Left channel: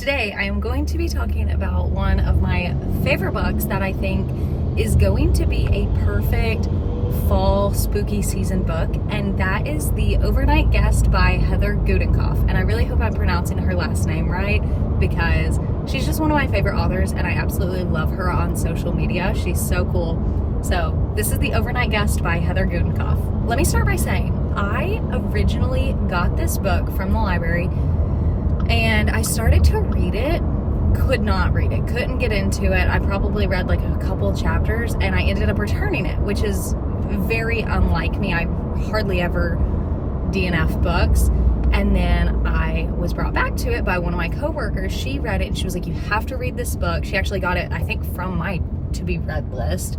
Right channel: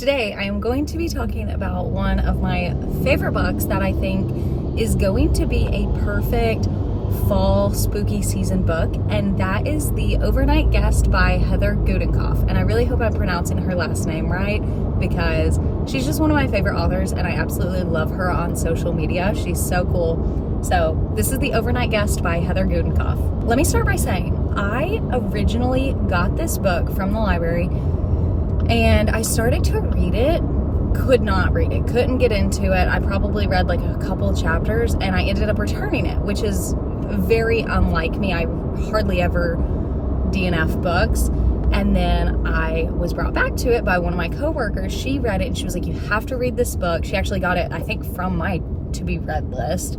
Today I am going to be talking about one of my favorite books that I think is going to be a perfect fall spooky season book, and that is The Overnight Guest by Heather Gudenkauf. And I really hope I'm pronouncing her last name right, because she's just one of my favorite authors and I absolutely love her on social media. She's so cool. So this is The Overnight Guest by Heather Gudenkauf. Let me start by saying I originally got this book from the library and I started to read it, could not read it, couldn't get into it. I probably read like a couple chapters and I ended up returning it, which is very unlike me. I hardly ever DNF books. And then I was brought back to it by one of my coworkers. She read it and she was like, you have to read this book. She actually got it, I think, from my to be read list.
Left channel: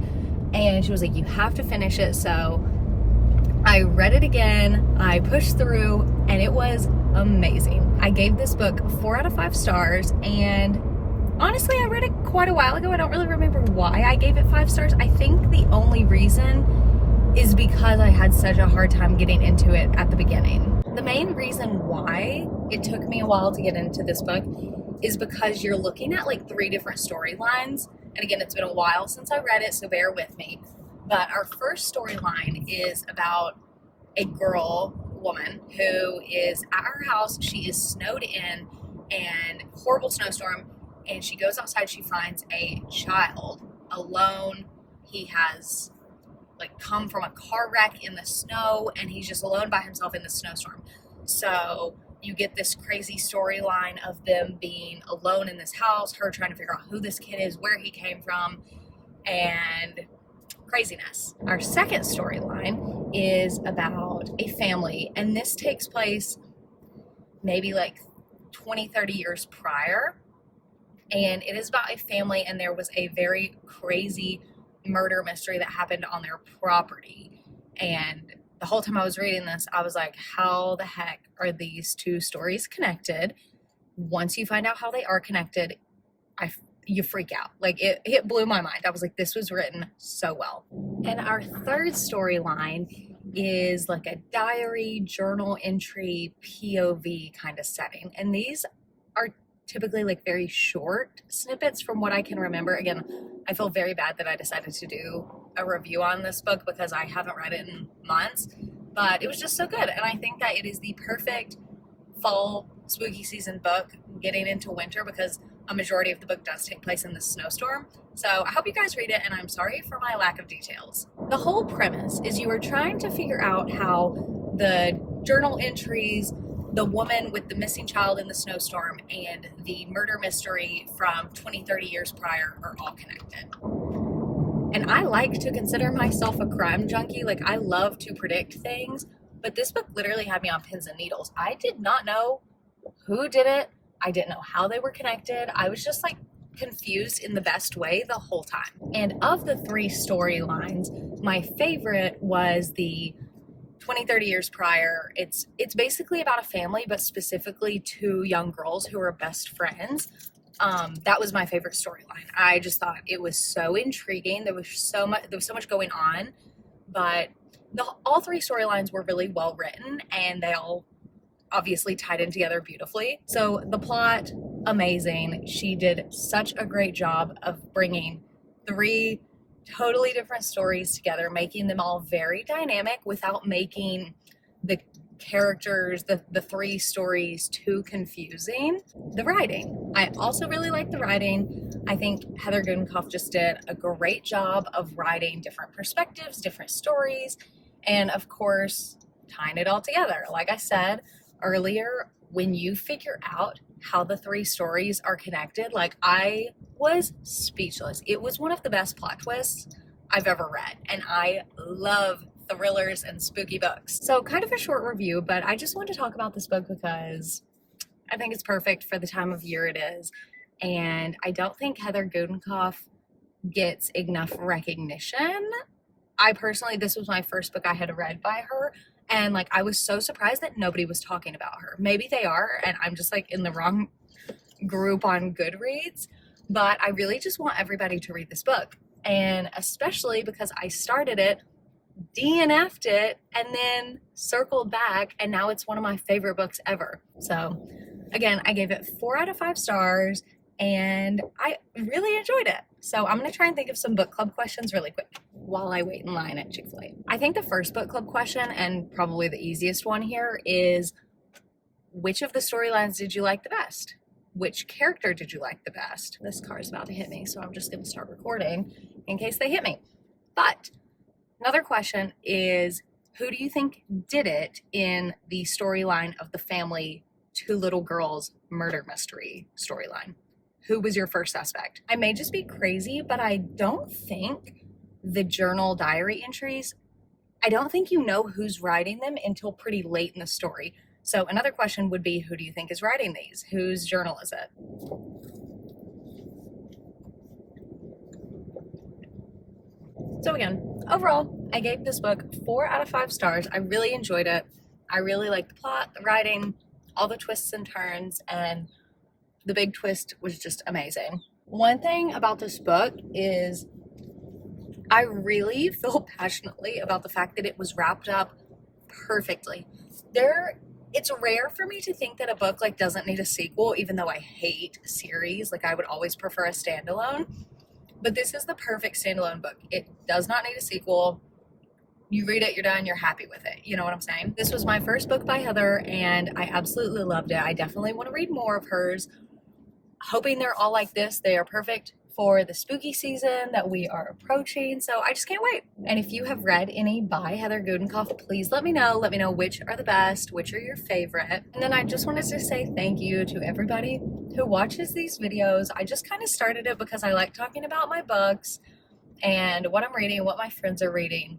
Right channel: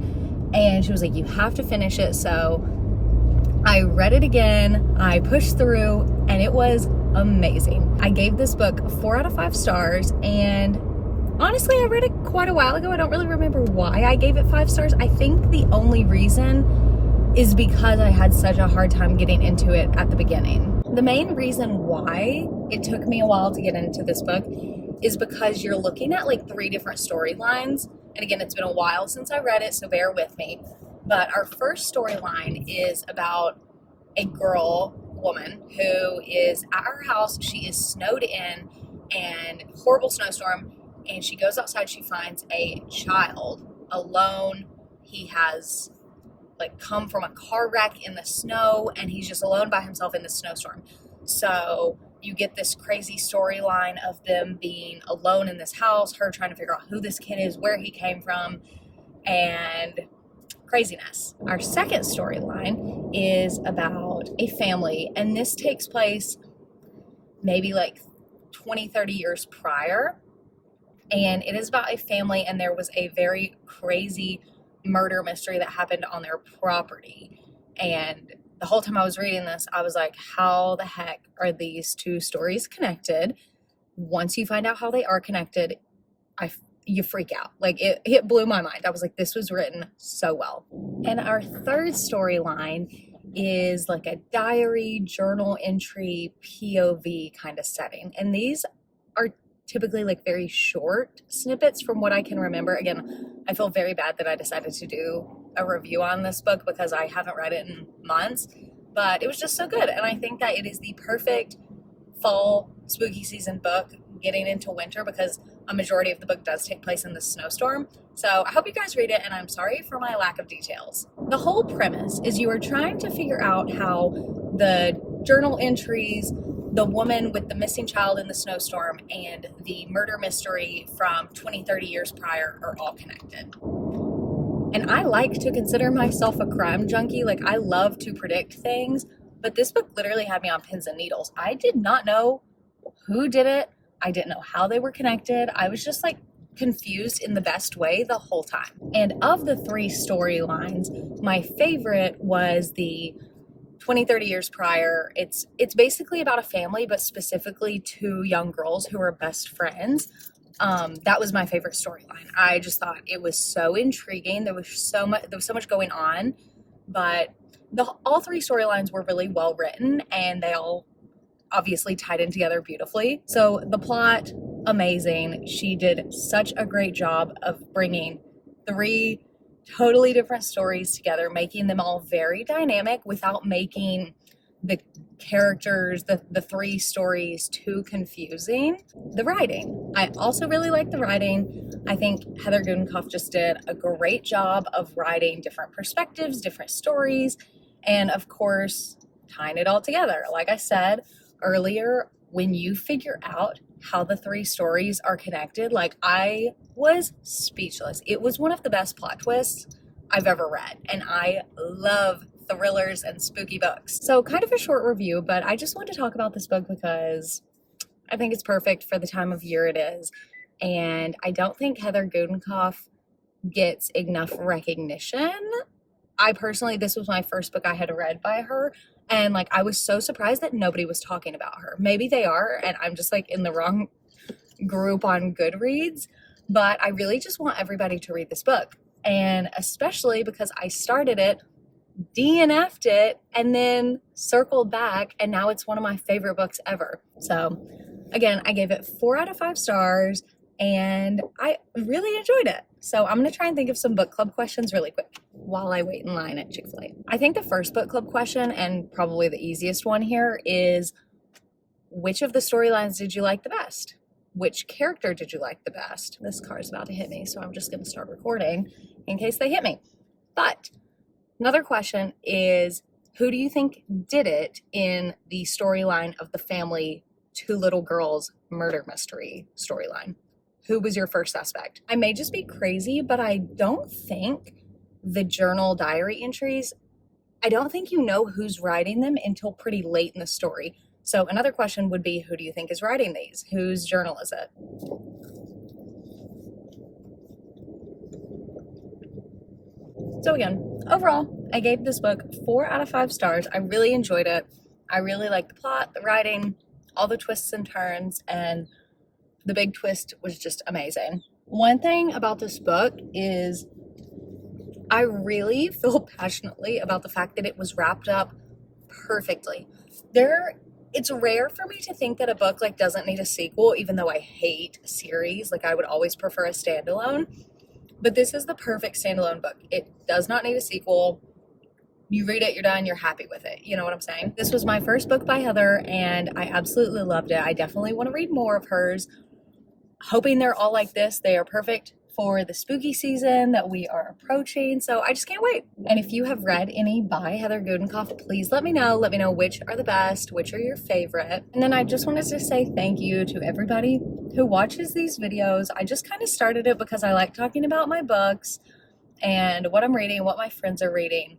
And she was like, you have to finish it. So I read it again, I pushed through, and it was amazing. I gave this book 4 out of 5 stars, and honestly, I read it quite a while ago. I don't really remember why I gave it 5 stars. I think the only reason is because I had such a hard time getting into it at the beginning. The main reason why it took me a while to get into this book is because you're looking at like 3 different storylines. And again, it's been a while since I read it, so bear with me. But our first storyline is about a woman who is at her house. She is snowed in and horrible snowstorm. And she goes outside, she finds a child alone. He has like come from a car wreck in the snow and he's just alone by himself in the snowstorm. So you get this crazy storyline of them being alone in this house, her trying to figure out who this kid is, where he came from, and craziness. Our second storyline is about a family, and this takes place maybe like 20-30 years prior. And it is about a family, and there was a very crazy murder mystery that happened on their property. And the whole time I was reading this, I was like, how the heck are these 2 stories connected? Once you find out how they are connected, you freak out. Like it blew my mind. I was like, this was written so well. And our third storyline is like a diary, journal entry, POV kind of setting. And these are typically like very short snippets from what I can remember. Again, I feel very bad that I decided to do a review on this book because I haven't read it in months, but it was just so good. And I think that it is the perfect fall spooky season book getting into winter, because a majority of the book does take place in the snowstorm. So I hope you guys read it, and I'm sorry for my lack of details. The whole premise is you are trying to figure out how the journal entries, the woman with the missing child in the snowstorm, and the murder mystery from 20-30 years prior are all connected. And I like to consider myself a crime junkie. Like, I love to predict things, but this book literally had me on pins and needles. I did not know who did it. I didn't know how they were connected. I was just like confused in the best way the whole time. And of the 3 storylines, my favorite was the 20-30 years prior. It's basically about a family, but specifically 2 young girls who are best friends. That was my favorite storyline. I just thought it was so intriguing. There was so much going on, but all 3 storylines were really well written, and they all obviously tied in together beautifully. So the plot, amazing. She did such a great job of bringing 3 totally different stories together, making them all very dynamic without making the characters, the 3 stories, too confusing. The writing. I also really like the writing. I think Heather Gudenkauf just did a great job of writing different perspectives, different stories, and of course, tying it all together. Like I said earlier, when you figure out how the 3 stories are connected, like, I was speechless. It was one of the best plot twists I've ever read, and I love thrillers and spooky books. So kind of a short review, but I just wanted to talk about this book because I think it's perfect for the time of year it is. And I don't think Heather Gudenkauf gets enough recognition. I personally, this was my first book I had read by her, and like, I was so surprised that nobody was talking about her. Maybe they are, and I'm just like in the wrong group on GoodReads, but I really just want everybody to read this book. And especially because I started it, DNF'd it, and then circled back, and now it's one of my favorite books ever. So Again, I gave it 4 out of 5 stars and I really enjoyed it. So I'm gonna try and think of some book club questions really quick while I wait in line at Chick-fil-A. I think the first book club question, and probably the easiest one here, is which of the storylines did you like the best? Which character did you like the best? This car is about to hit me, so I'm just gonna start recording in case they hit me. But another question is, who do you think did it in the storyline of the family two little girls murder mystery storyline? Who was your first suspect? I may just be crazy, but I don't think the journal diary entries, I don't think you know who's writing them until pretty late in the story. So another question would be, who do you think is writing these? Whose journal is it? So again, overall, I gave this book 4 out of 5 stars. I really enjoyed it. I really liked the plot, the writing, all the twists and turns, and the big twist was just amazing. One thing about this book is I really feel passionately about the fact that it was wrapped up perfectly. It's rare for me to think that a book like doesn't need a sequel, even though I hate series. Like I would always prefer a standalone. But this is the perfect standalone book. It does not need a sequel. You read it, you're done, you're happy with it. You know what I'm saying? This was my first book by Heather, and I absolutely loved it. I definitely want to read more of hers. Hoping they're all like this. They are perfect for the spooky season that we are approaching. So I just can't wait. And if you have read any by Heather Gudenkauf, please let me know. Let me know which are the best, which are your favorite. And then I just wanted to say thank you to everybody who watches these videos. I just kind of started it because I like talking about my books and what I'm reading, what my friends are reading.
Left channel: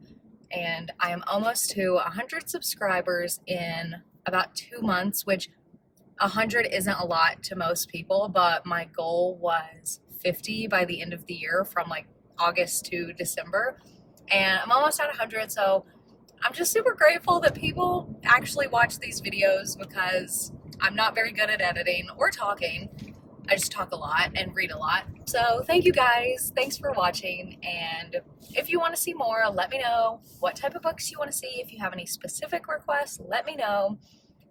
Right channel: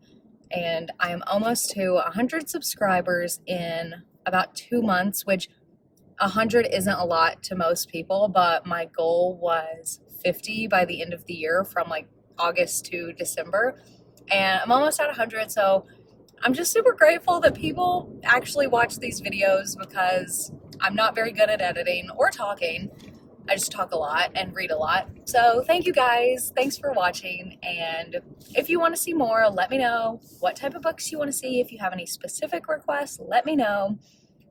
And I am almost to 100 subscribers in about 2 months, which 100 isn't a lot to most people, but my goal was 50 by the end of the year from like August to December. And I'm almost at 100, so I'm just super grateful that people actually watch these videos because I'm not very good at editing or talking. I just talk a lot and read a lot. So thank you guys. Thanks for watching. And if you want to see more, let me know what type of books you want to see. If you have any specific requests, let me know.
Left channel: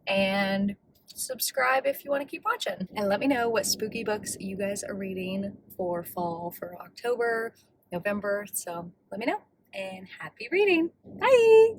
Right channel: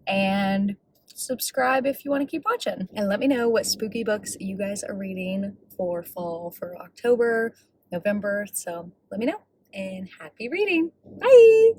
And subscribe if you want to keep watching. And let me know what spooky books you guys are reading for fall, for October, November. So let me know. And happy reading. Bye!